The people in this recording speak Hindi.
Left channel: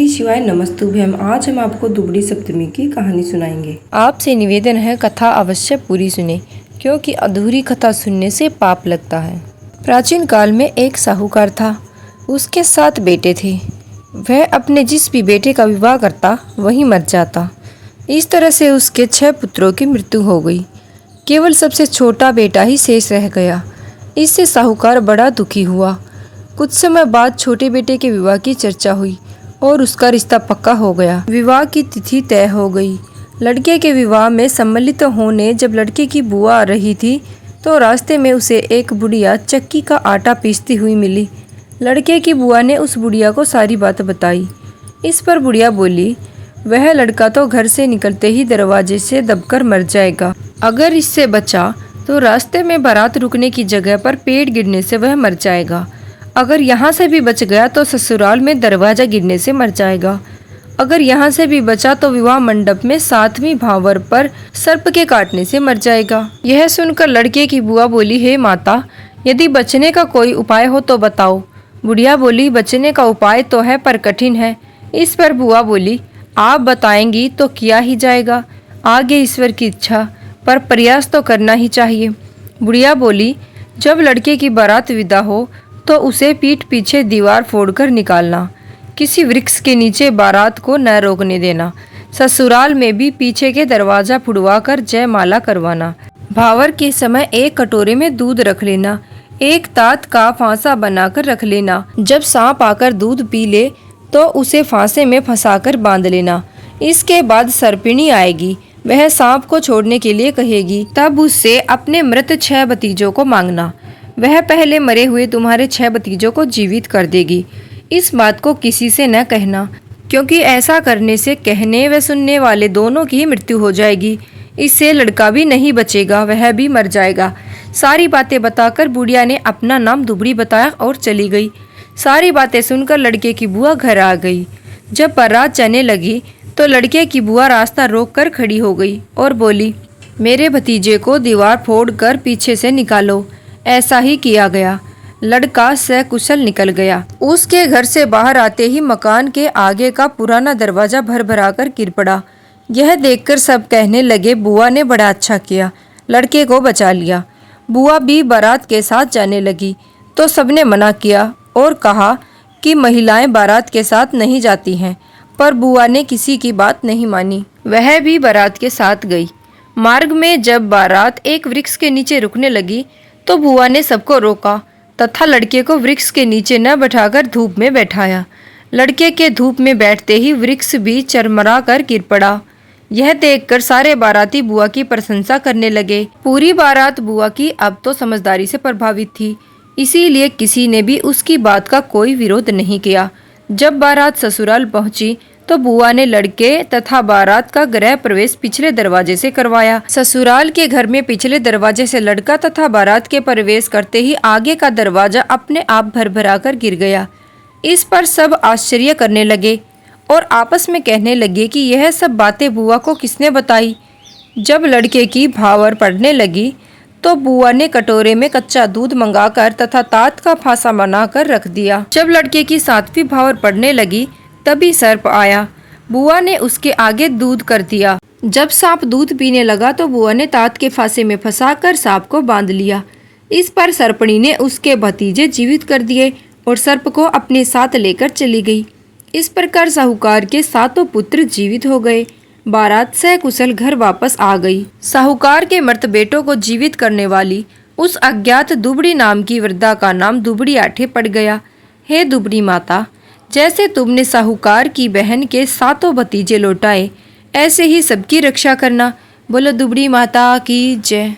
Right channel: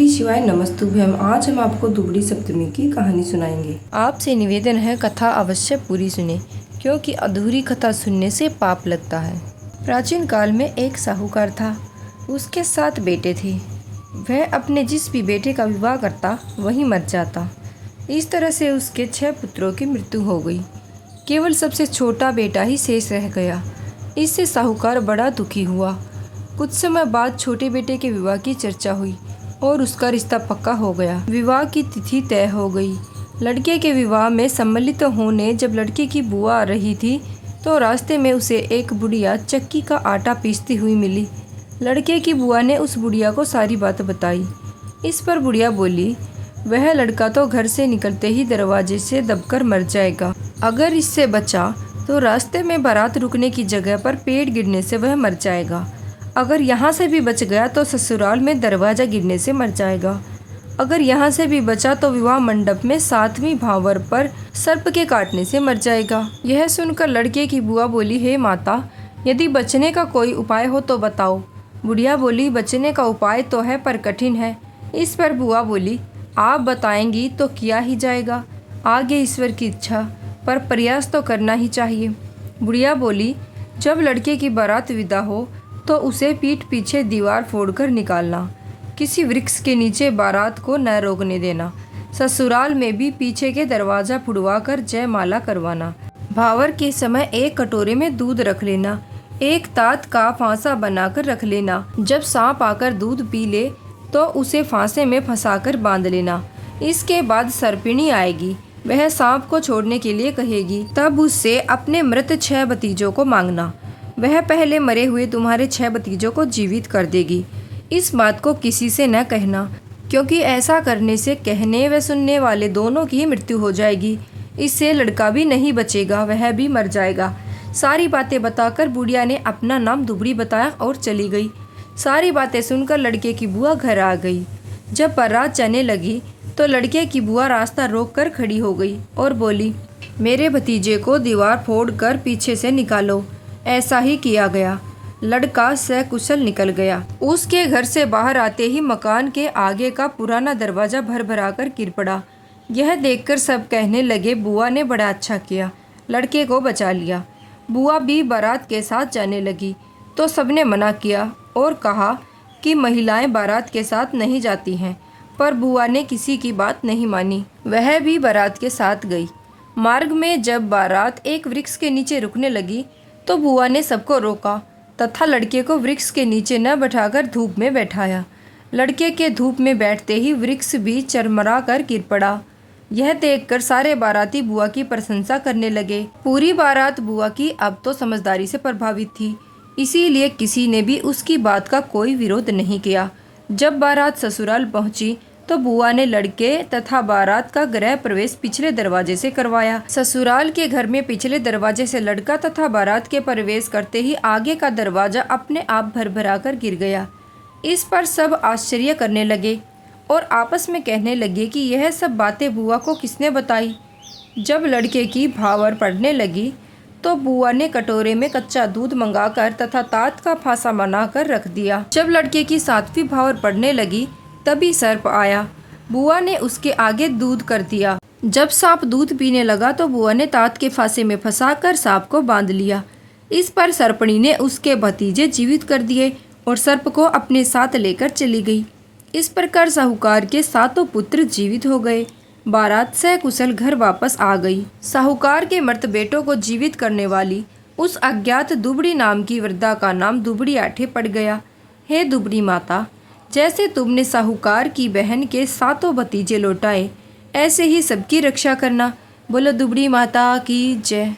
श्री शिवाय नमस्तुभ्यम। आज हम आपको दुबड़ी सप्तमी की कहानी सुनाएंगे। आपसे निवेदन है कथा अवश्य पूरी सुने, क्योंकि अधूरी कथा सुनने से पाप लगता है। प्राचीन काल में एक साहूकार था। उसके 7 बेटे थे। वह अपने जिस भी बेटे का विवाह करता वही मर जाता। इस तरह से उसके 6 पुत्रों की मृत्यु हो गई। केवल सबसे छोटा बेटा ही शेष रह गया। इससे साहूकार बड़ा दुखी हुआ। कुछ समय बाद छोटे बेटे के विवाह की चर्चा हुई और उसका रिश्ता पक्का हो गया। विवाह की तिथि तय हो गई। लड़के के विवाह में सम्मिलित होने जब लड़के की बुआ आ रही थी तो रास्ते में उसे एक बुढ़िया चक्की का आटा पीसती हुई मिली। लड़के की बुआ ने उस बुढ़िया को सारी बात बताई। इस पर बुढ़िया बोली, वह लड़का तो घर से निकलते ही दरवाजे से दबकर मर जाएगा। अगर इससे बचा तो रास्ते में बारात रुकने की जगह पर पेड़ गिरने से वह मर जाएगा। अगर यहाँ से भी बच गया तो ससुराल में दरवाजा गिरने से मर जाएगा। अगर यहाँ से भी बचा तो विवाह मंडप में 7वीं भावर पर सर्प के काटने से मर जाएगा। यह सुनकर लड़के की बुआ बोली, हे माता, यदि बचने का कोई उपाय हो तो बताओ। बुढ़िया बोली, बचने का उपाय तो है पर कठिन है। इस पर बुआ बोली, आप बताएंगी तो किया ही जाएगा, आगे ईश्वर की इच्छा, पर प्रयास तो करना ही चाहिए। बुढ़िया बोली, जब लड़के की बारात विदा हो तो उसे पीठ पीछे दीवार फोड़कर निकालना। किसी वृक्ष के नीचे बारात को न रोकने देना। ससुराल में भी पीछे के दरवाजा फुड़वाकर जयमाला करवाना। भावर के समय एक कटोरे में दूध रख लेना। एक तात का फांसा बनाकर रख लेना। जब सांप आकर दूध पी ले तो उसे फांसे में फंसाकर बांध लेना। इसके बाद सर्पिणी आएगी, वह सांप को छोड़ने के लिए कहेगी। तब उससे अपने मृत 6 भतीजों को मांगना। वह पहले मरे हुए तुम्हारे 6 भतीजों को जीवित कर देगी। इस बात को किसी से न कहना, क्योंकि ऐसा करने से कहने व सुनने वाले दोनों की मृत्यु हो जाएगी। इससे लड़का भी नहीं बचेगा, वह भी मर जाएगा। सारी बातें बताकर बुढ़िया ने अपना नाम दुबड़ी बताया और चली गई। सारी बातें सुनकर लड़के की बुआ घर आ गई। जब बारात जाने लगी तो लड़के की बुआ रास्ता रोक कर खड़ी हो गई और बोली, मेरे भतीजे को दीवार फोड़ कर पीछे से निकालो। ऐसा ही किया गया। लड़का सकुशल निकल गया। उसके घर से बाहर आते ही मकान के आगे का पुराना दरवाजा भर भरा कर गिर पड़ा। यह देखकर सब कहने लगे, बुआ ने बड़ा अच्छा किया, लड़के को बचा लिया। बुआ भी बारात के साथ जाने लगी तो सबने मना किया और कहा कि महिलाएं बारात के साथ नहीं जाती हैं, पर बुआ ने किसी की बात नहीं मानी। वह भी बारात के साथ गई। मार्ग में जब बारात एक वृक्ष के नीचे रुकने लगी तो बुआ ने सबको रोका तथा लड़के को वृक्ष के नीचे न बैठाकर धूप में बैठाया। लड़के के धूप में बैठते ही वृक्ष भी चरमरा कर गिर पड़ा। यह देखकर सारे बाराती बुआ की प्रशंसा करने लगे। पूरी बारात बुआ की अब तो समझदारी से प्रभावित थी, इसीलिए किसी ने भी उसकी बात का कोई विरोध नहीं किया। जब बारात ससुराल पहुंची तो बुआ ने लड़के तथा बारात का गृह प्रवेश पिछले दरवाजे से करवाया। ससुराल के घर में पिछले दरवाजे से लड़का तथा बारात के प्रवेश करते ही आगे का दरवाजा अपने आप भरभरा कर गिर गया। इस पर सब आश्चर्य करने लगे और आपस में कहने लगे कि यह सब बातें बुआ को किसने बताई। जब लड़के की भावर पड़ने लगी तो बुआ ने कटोरे में कच्चा दूध मंगाकर तथा तात का फांसा बनाकर रख दिया। जब लड़के की 7वीं भावर पड़ने लगी तभी सर्प आया। बुआ ने उसके आगे दूध कर दिया। जब सांप दूध पीने लगा तो बुआ ने तात के फांसे में फंसाकर सांप को बांध लिया। इस पर सर्पणी ने उसके भतीजे जीवित कर दिए और सर्प को अपने साथ लेकर चली गई। इस प्रकार साहूकार के 7 पुत्र जीवित हो गए। बारात सकुशल घर वापस आ गई। साहूकार के मृत बेटों को जीवित करने वाली उस अज्ञात दुबड़ी नाम की वृद्धा का नाम दुबड़ी आठे पड़ गया। हे दुबड़ी माता, जैसे तुमने साहूकार की बहन के 7 भतीजे लौटाए, ऐसे ही सबकी रक्षा करना। बोलो दुबड़ी माता की जय।